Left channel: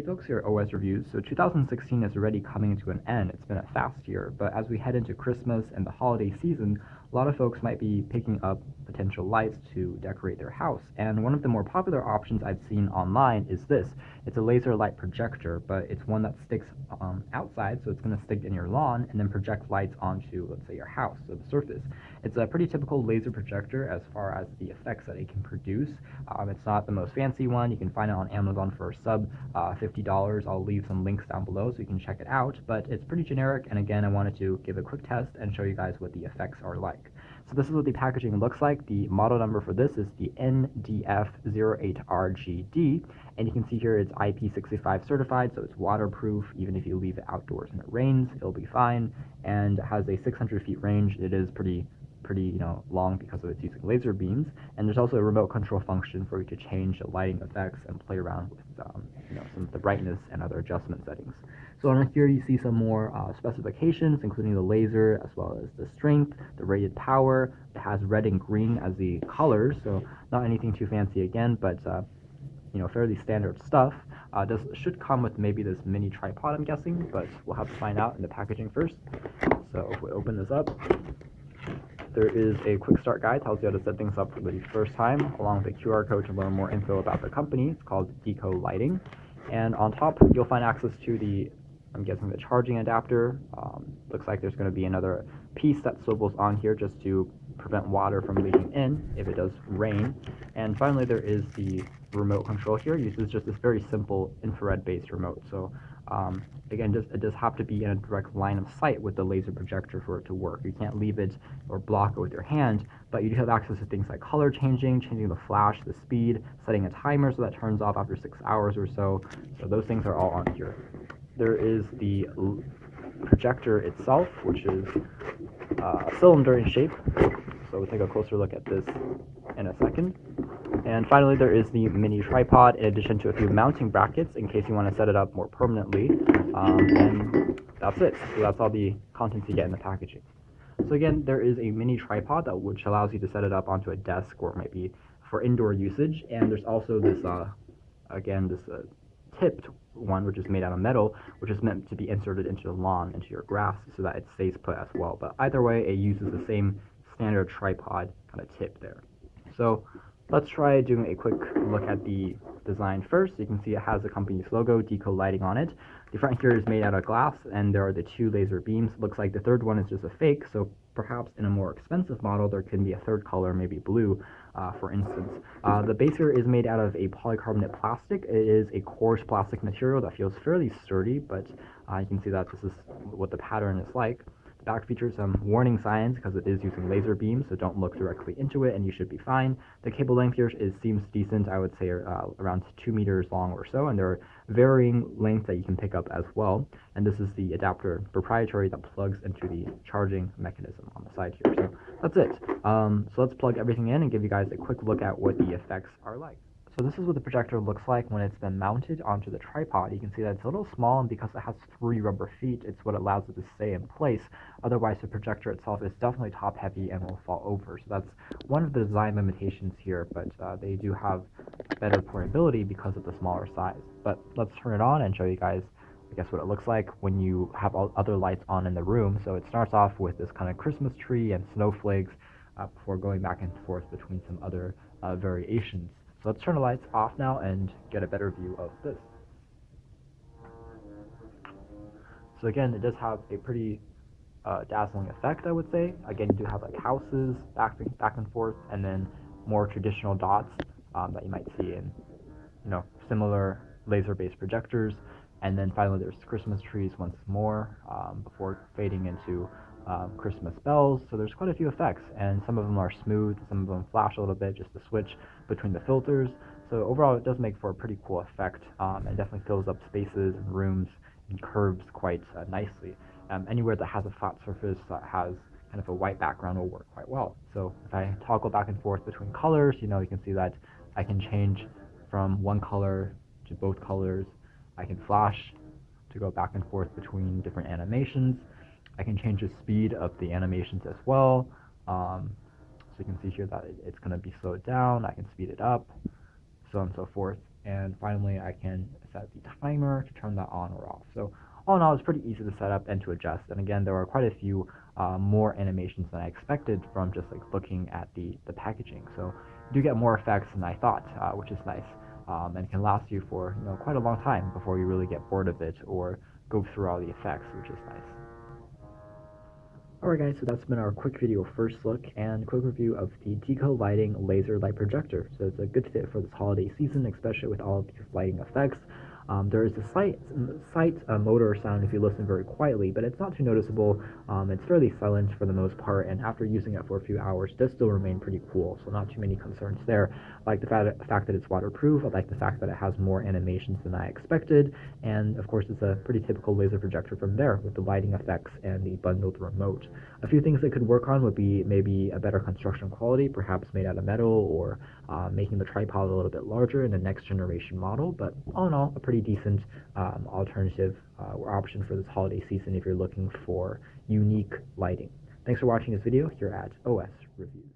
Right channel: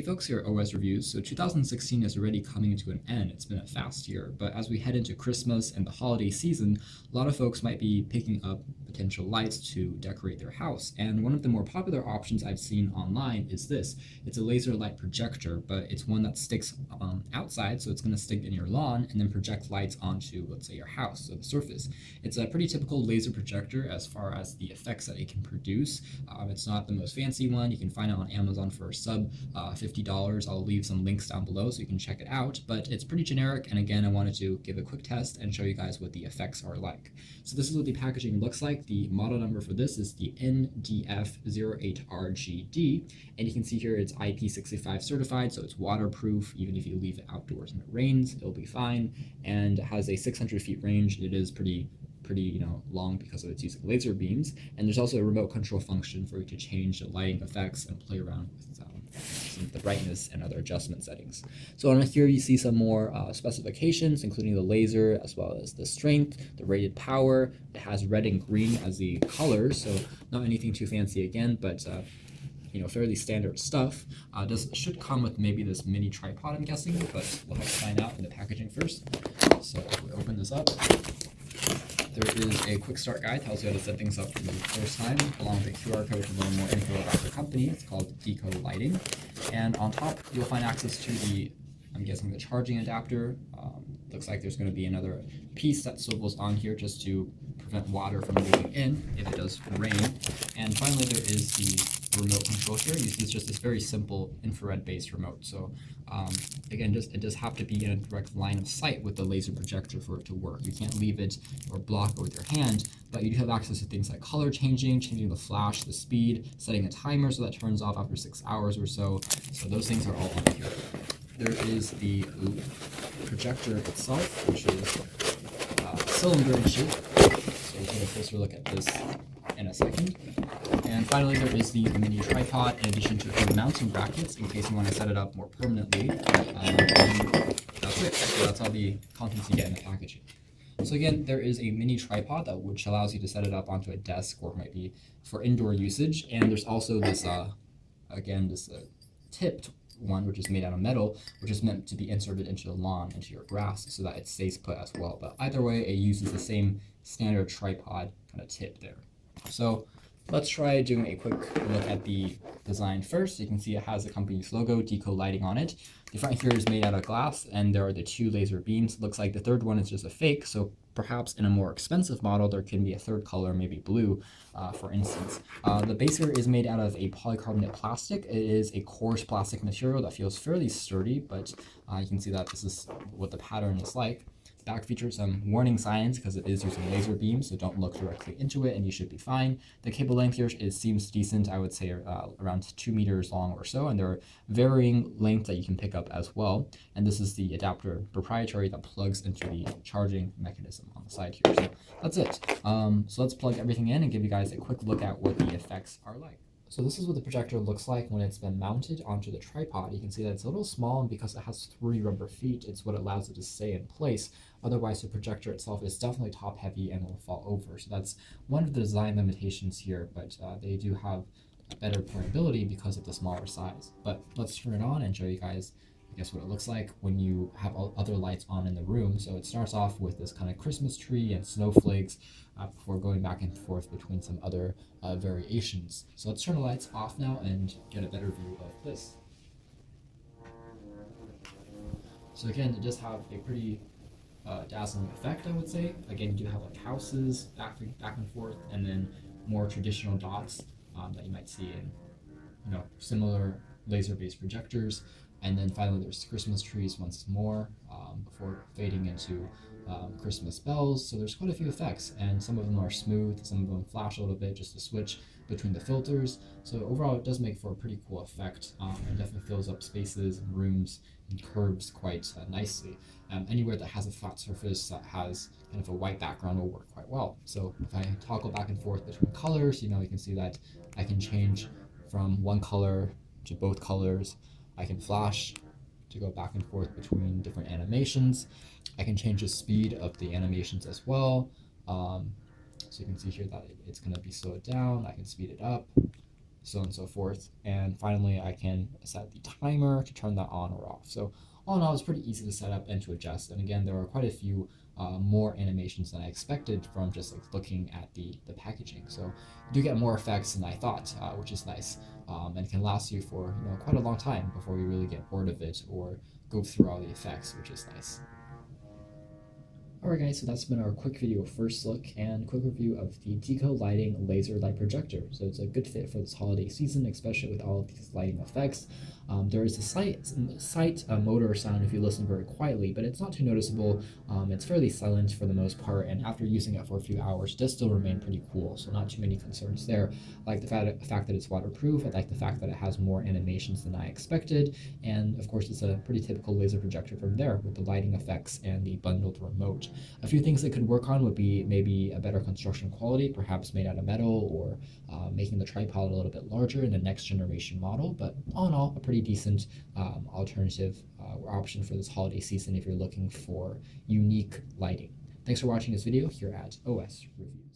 Hey folks, here at OS Reviews. So 2016 is already coming to an end. It's been a fast year, but as we head into Christmas and the holiday season, a lot of folks might be picking up potential lights to decorate their house. And one of the more popular options I've seen online is this. It's a laser light projector, but it's one that sticks outside, so it's going to stick in your lawn and then project lights onto, let's say, your house, so the surface. It's a pretty typical laser projector as far as the effects that it can produce. It's not the most fancy one. You can find it on Amazon for a sub $50. I'll leave some links down below so you can check it out, but it's pretty generic. And again, I wanted to give a quick test and show you guys what the effects are like. So this is what the packaging looks like. The model number for this is the NDF08RGD, and you can see here it's IP65 certified, so it's waterproof. Even if you leave it outdoors and it rains, it'll be fine, and it has a 600 feet range. It is pretty long because of its using laser beams. And there's also a remote control function for you to change the lighting effects and play around with some of the brightness and other adjustment settings. So on here you see some more specifications, including the laser as well as the strength, the rated power. It has red and green as the colors, so not anything too fancy again, but fairly standard stuff. Should come with maybe this mini tripod, I'm guessing, but we'll have to find out in the packaging first. So if we open this up, there is a quick start guide, tells you how to set things up for the first time, along with a QR code to learn more info about the company. It's called Deco Lighting. And on top, you'll find access to the, I'm guessing, the charging adapter. Looks like there's going to be another piece that swivels on here just to prevent water from leaking in if it does rain. And finally, there is the remote control here. It uses just this very simple infrared-based remote. So again, it does have to be in a direct line of sight with the laser projector for it to work. You can't leave it or block it with your hand, but you do have access to things like color changing the flash, the speed, setting a timer so that turns off after 6 hours or so. So those things are all on here. There is the projector itself, which is a cylinder in shape. So we'll take a closer look at this in a second. And finally, there is the mini tripod, in addition to a few mounting brackets in case you want to set it up more permanently. And that's it. So that's all the contents you get in the packaging. So again, there is a mini tripod which allows you to set it up onto a desk or maybe for indoor usage. And there's also this, tipped one, which is made out of metal, which is meant to be inserted into the lawn, into your grass, so that it stays put as well. But either way, it uses the same standard tripod kind of tip there. So let's try doing a quick look at the design first. You can see it has the company's logo, Deco Lighting, on it. The front here is made out of glass, and there are the 2 laser beams. It looks like the third one is just a fake, so perhaps in a more expensive model, there can be a third color, maybe blue, for instance. The base here is made out of a polycarbonate plastic. It is a coarse plastic material that feels fairly sturdy, but you can see that this is what the pattern is like. The back features some warning signs because it is using laser beams, so don't look directly into it and you should be fine. The cable length here seems decent. I would say around 2 meters long or so, and there are varying lengths that you can pick up as well. And this is the adapter proprietary that plugs into the charging mechanism on the side here. So that's it. So let's plug everything in and give you guys a quick look at what the effects are like. So this is what the projector looks like when it's been mounted onto the tripod. You can see that it's a little small, and because it has 3 rubber feet, it's what allows it to stay in place. Otherwise, the projector itself is definitely top heavy and will fall over. So that's one of the design limitations here, but they do have better portability because of the smaller size. But let's turn it on and show you guys, I guess, what it looks like when you have all other lights on in the room. So it starts off with this kind of Christmas tree and snowflakes before going back and forth between some other variations. So let's turn the lights off now and get a better view of this. So again, it does have a pretty dazzling effect, I would say. Again, you do have like houses back and forth, and then more traditional dots that you might see in similar laser-based projectors. And then finally, there's Christmas trees once more before fading into Christmas bells. So there's quite a few effects, and some of them are smooth, some of them flash a little bit just to switch between the filters. So overall, it does make for a pretty cool effect, and definitely fills up spaces and rooms and curves quite nicely. Anywhere that has a flat surface that has kind of a white background will work quite well. So if I toggle back and forth between colors, you can see that I can change from one color to both colors. I can flash to go back and forth between different animations. I can change the speed of the animations as well. So you can see here that it's going to be slowed down. I can speed it up. so on and so forth. And finally, I can set the timer to turn that on or off. So all in all, it's pretty easy to set up and to adjust. And again, there are quite a few more animations than I expected from just like looking at the packaging. So you do get more effects than I thought, which is nice, and can last you for quite a long time before you really get bored of it or go through all the effects, which is nice. Alright guys, so that's been our quick video first look and quick review of the Deco Lighting Laser Light Projector. So it's a good fit for this holiday season, especially with all of these lighting effects. There is a slight motor sound if you listen very quietly, but it's not too noticeable. It's fairly silent for the most part, and after using it for a few hours, it does still remain pretty cool, so not too many concerns there. I like the fact that it's waterproof. I like the fact that it has more animations than I expected, and of course it's a pretty typical laser projector from there with the lighting effects and the bundled remote. A few things they could work on would be maybe a better construction quality, perhaps made out of metal, or making the tripod a little bit larger in the next generation model. But all in all, a pretty decent alternative or option for this holiday season if you're looking for unique lighting. Thanks for watching this video here at OS Review.